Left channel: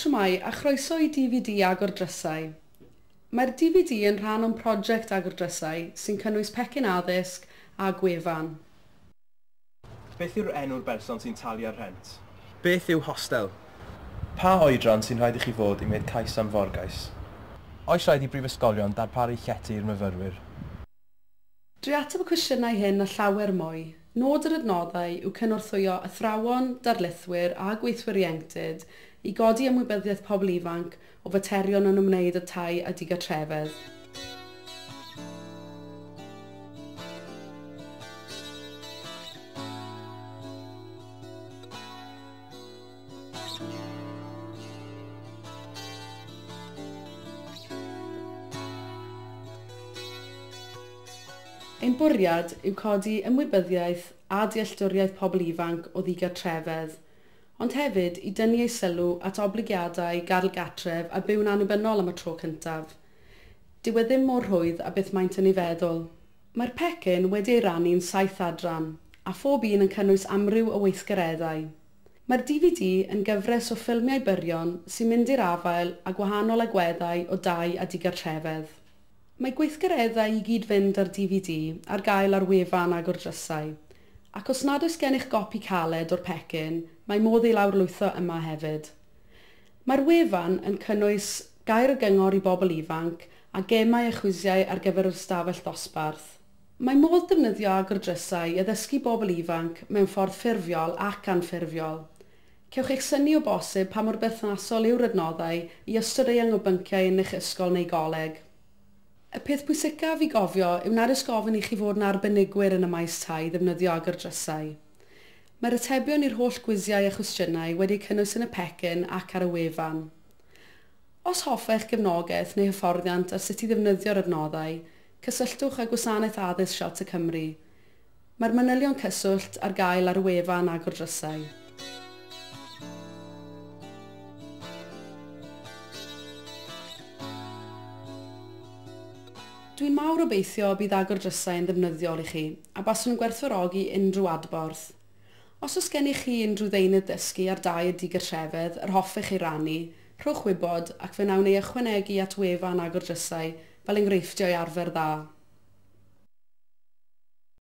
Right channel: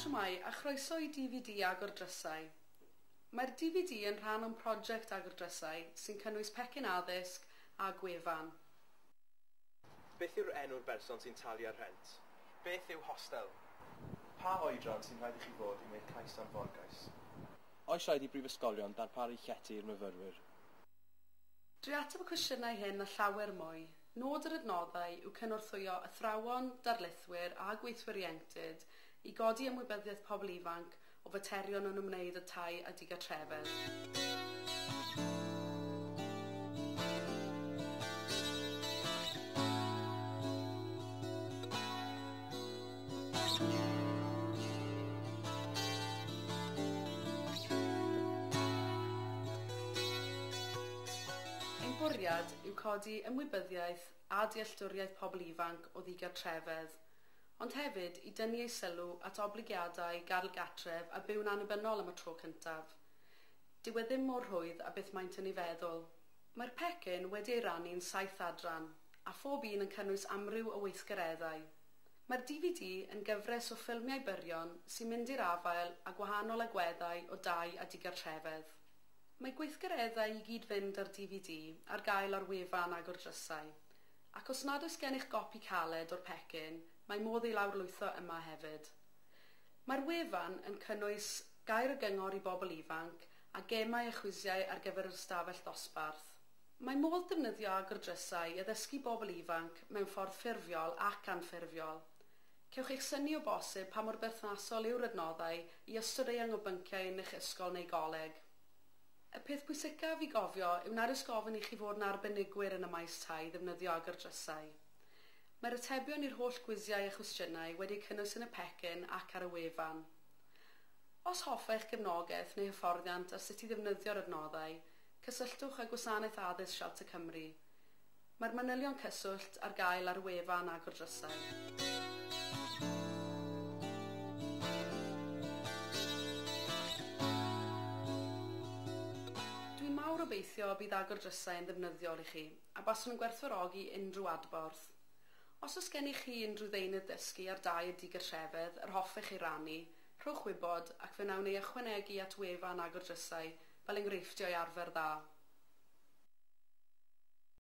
Shwmai, a chroeso i DVD Agor Drysau. Mae'r DVD yn rhan o'n prosiect Agor Drysau sy'n cynnwys pecyn addysg a gwefan. Beth yw'r enw'r berson sy'n talu ar rhent? Beth yw hostel? Pa oedran sy'n rhaid i chi fod i wneud cais am forgais? Oes rhaid i brifysgolion darparu llety i'r myfyrwyr? Dwi ateb y cwestiynau hyn a llawer mwy. Nod yr adnoddau yw cynorthwyo athrawon, darlithwyr a gweithwyr ieuenctid i godi ymwybyddiaeth pobl ifanc o faterion yn ymwneud â tai a digartrefedd. Ein bwriad yw codi ymwybyddiaeth a dealltwriaeth pobl ifanc o ddigartrefedd, ond hefyd i dynnu ei sylw at obligiadau gadel gatref a byw'n annibynnol am y tro cyntaf. Dyw e ddim mor rhwydd a beth maent yn ei feddwl. Mae'r pecyn wedi ei rannu'n 7 adran, a phob un yn cynnwys amryw o weithgareddau. Mae'r DVD yn gyfres o ffilmiau byrion sy'n mynd i'r afael a gwahanol agweddau o dai a digartrefedd. Mae gweithgareddau i gyd fynd ar DVD ar gael ar wefan Agor Drysau, ac os nad oes gennych gopi caled o'r pecyn, mae modd ei lawrlwytho yma hefyd. Mae'r wefan yn cynnwys gair y gyngor i bobl ifanc a gemau a chwisiau ar gyfer yr ystafell ddosbarth. Mae modd defnyddio Agor Drysau i addysgu bobl ifanc mewn ffordd ffurfiol ac anffurfiol. Cewch eich synnu o bosib pa mor berthnasol yw'r adnoddau i ystod eang o bynciau yn eich ysgol neu goleg. Y peth pwysicaf i gofio yw nad oes gofyn i chi fod yn arbenigwyr yn y maes tai ddefnyddio Agor Drysau. Mae'r atebion i'r holl gwisiau a chwestiynau wedi cynnwys yn y pecyn ac ar y wefan. Os hoffech gefnogaeth neu hyfforddiant ar sut i ddefnyddio'r adnoddau, cysylltwch â Gwasanaeth Addysg Sialta Cymru. Mae'r manylion cyswllt ar gael ar y wefan Agor Drysau. Dwi'n mawr obeithio bydd Agor Drysau yn ddefnyddiol i chi, a baswn yn gwerthfawrogi unrhyw adborth. Os oes gennych chi unrhyw ddeunydd dysgu ar dai y digartrefedd yr hoffech ei rannu, rhowch wybod ac fe wnawn ni ychwanegu at wefan Agor Drysau fel enghreifftiau arfer dda.